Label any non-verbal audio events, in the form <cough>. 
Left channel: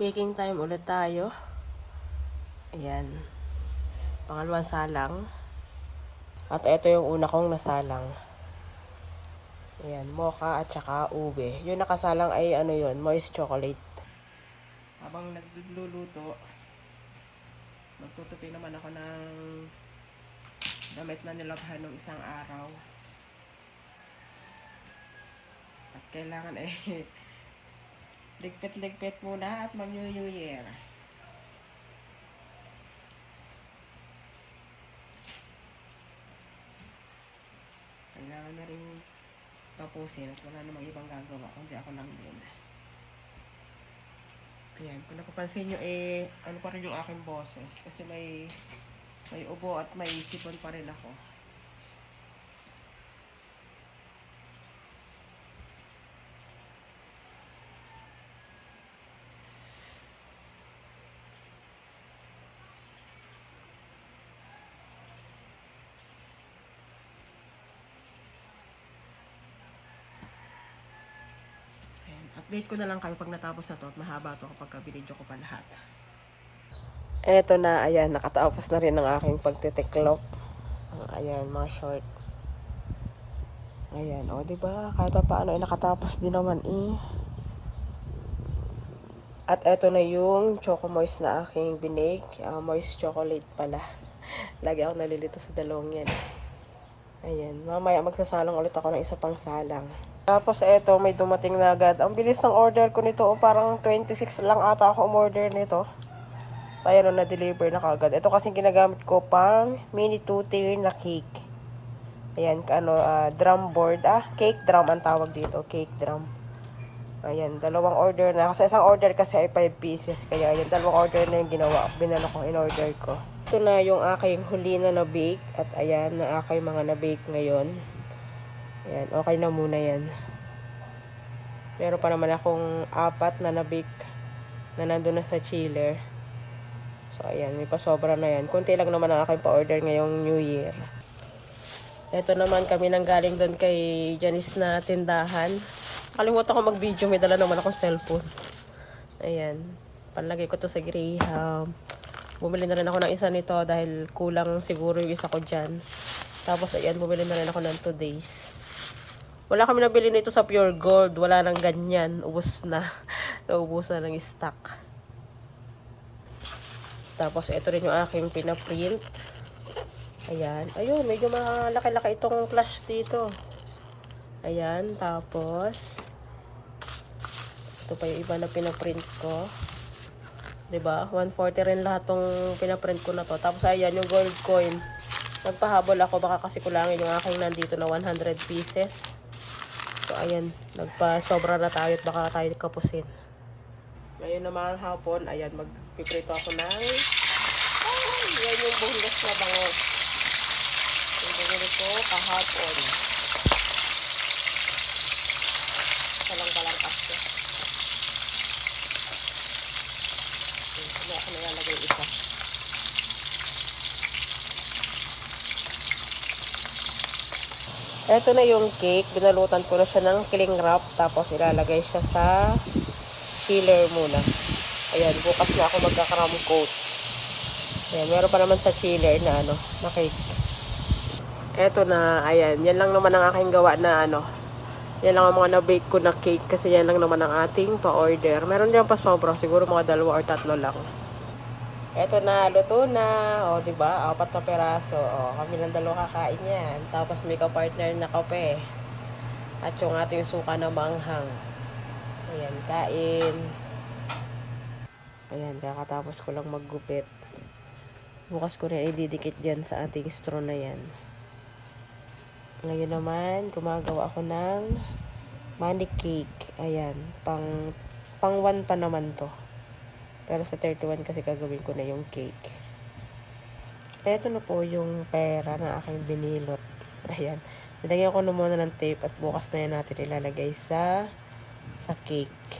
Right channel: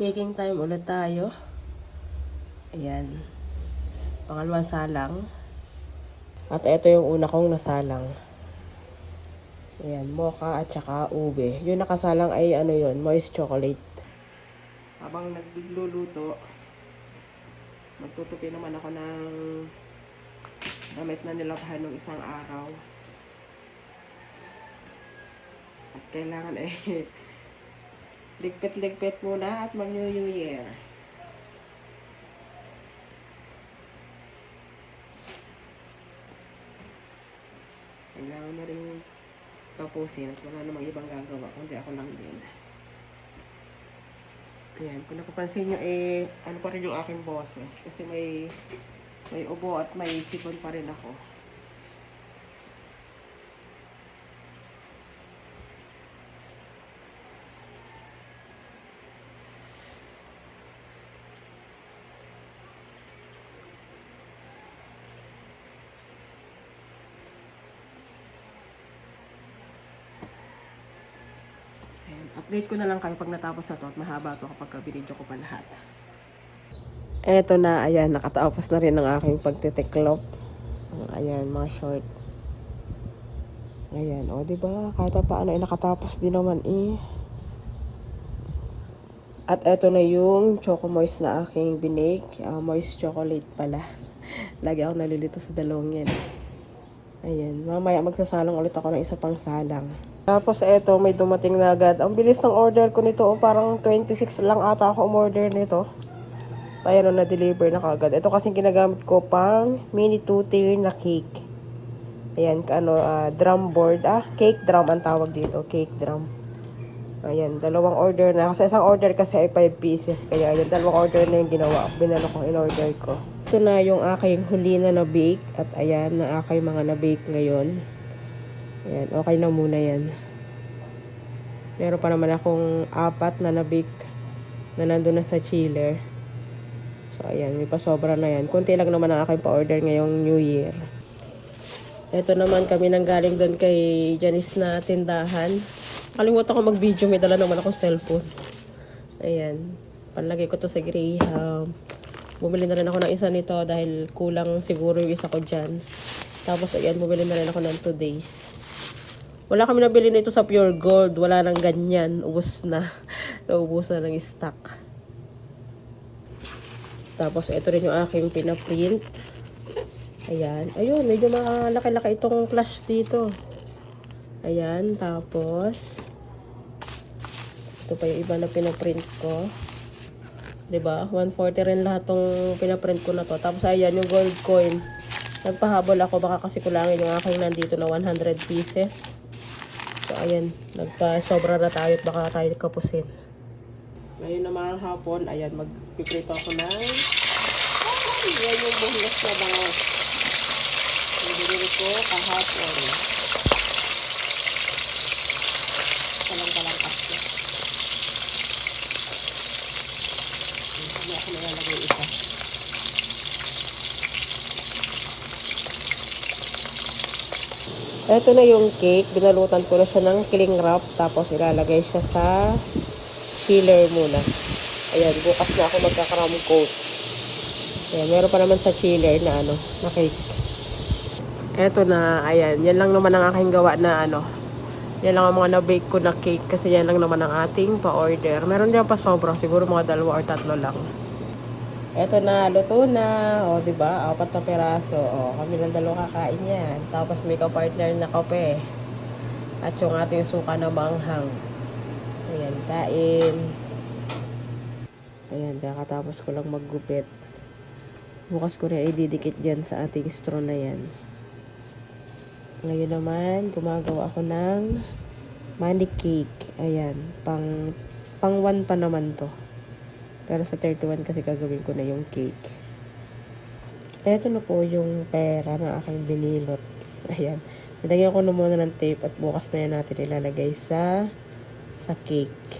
Baking time ulit tayo. Ayan. Pangalawang salang. At ito yung una kong nasalang. Ayan, mocha at saka ube. Yung nakasalang ay ano yun, moist chocolate. Habang nagluluto, magtutupi naman ako ng damit na nilabhan ng isang araw. At kailangan eh, <laughs> ligpit-ligpit muna at mag-New New Year. Kailangan na rin tapusin at wala namang ibang gagawa kundi ako lang din. Ayan, kung napapansin nyo eh, ano pa rin yung aking boses kasi may may ubo at may sipon pa rin ako. Update ko na lang kayo pag natapos na to at mahaba to kapag binidyo ko pa lahat. Eto na, ayan, nakatapos na rin ang aking pagtitiklop. Ayan, mga short. Ayan, o, di ba? Kahit pa paano, eh, nakatapos din naman, eh. At eto na yung Choco Moist na aking binake. Ah, moist chocolate pala. <laughs> Lagi ako nalilito sa dalawang yan. Ayan, mamaya magsasalang ulit ako ng isa pang salang. Tapos eto, may dumating na agad. Ang bilis ng order ko nito, oh, parang 26 lang ata ako umorder nito. Ayan o, na-deliver na kagad. Ito kasing ginagamit ko pang mini two-tier na cake. Ayan, ano, ah, drum board. Ah, cake drum ang tawag dito. Cake drum. Ayan, dalawang order na. Kasi isang order kasi ay 5 pieces. Kaya yun, dalawang order na yung ginawa. Binalo ko, in-order ko. Ito na yung aking huli na na-bake. At ayan, na aking mga na-bake ngayon. Ayan, okay na muna yan. Meron pa naman akong apat na na-bake na nandun na sa chiller. So, ayan, may pasobra na yan. Kunti lang naman ang aking pa-order ngayong New Year. Ito naman kami nang galing doon kay Janice na tindahan. Kalimutan ko mag-video, may dala naman akong cellphone. Ayan, panlagay ko to sa Graham. Bumili na rin ako ng isa nito dahil kulang siguro yung isa ko dyan. Tapos ayan, bumili na rin ako ng 2 days. Wala kami nabili nito sa Pure Gold. Wala nang ganyan. Ubus na. <laughs> Ubus na ng stock. Tapos, ito rin yung aking pinaprint. Ayan. Ayun, medyo malaki-laki itong flash dito. Ayan. Tapos, ito pa yung iba na pinaprint ko. 'Di ba 140 rin lahat tong pinaprint ko na to. Tapos, ayan, yung gold coin. Nagpahabol ako. Baka kasi kulangin yung aking nandito na 100 pieces. So, ayan. Nagpa-sobra na tayo at baka tayo kapusin. Ngayon naman hapon, ayan, mag-prepare ako ng ayan, yung bulas na bangot. Nabili ko kahapon. Kalang-kalang kasi. Hindi ako nalalagay isa. Ito na yung cake. Binalutan ko na siya ng cling wrap. Tapos ilalagay siya sa chiller muna. Ayan, bukas na ako magkakaram coat. Ayan, meron pa naman sa chiller na ano, na cake. Eto na, ayan, yan lang naman ang aking gawa na ano. Yan lang ang mga na-bake ko na cake kasi yan lang naman ang ating pa-order. Meron din pa sobra, siguro mga dalawa or tatlo lang. Eto na, luto na. O, di ba? Apat na peraso. O, kami lang dalawa kakain yan. Tapos may ka-partner na kape. At yung ating suka na manghang. Ayan, kain. Ayan, kakatapos ko lang maggupit. Bukas ko na ididikit dyan sa ating straw na yan. Ngayon naman, gumagawa ako ng money cake. Ayan, pang, pang one pa naman to. Pero sa 31 kasi gagawin ko na yung cake. Ito na po yung pera na aking binilot. <laughs> Ayan. Nilagyan ko na muna ng tape at bukas na yan natin ilalagay sa sa cake.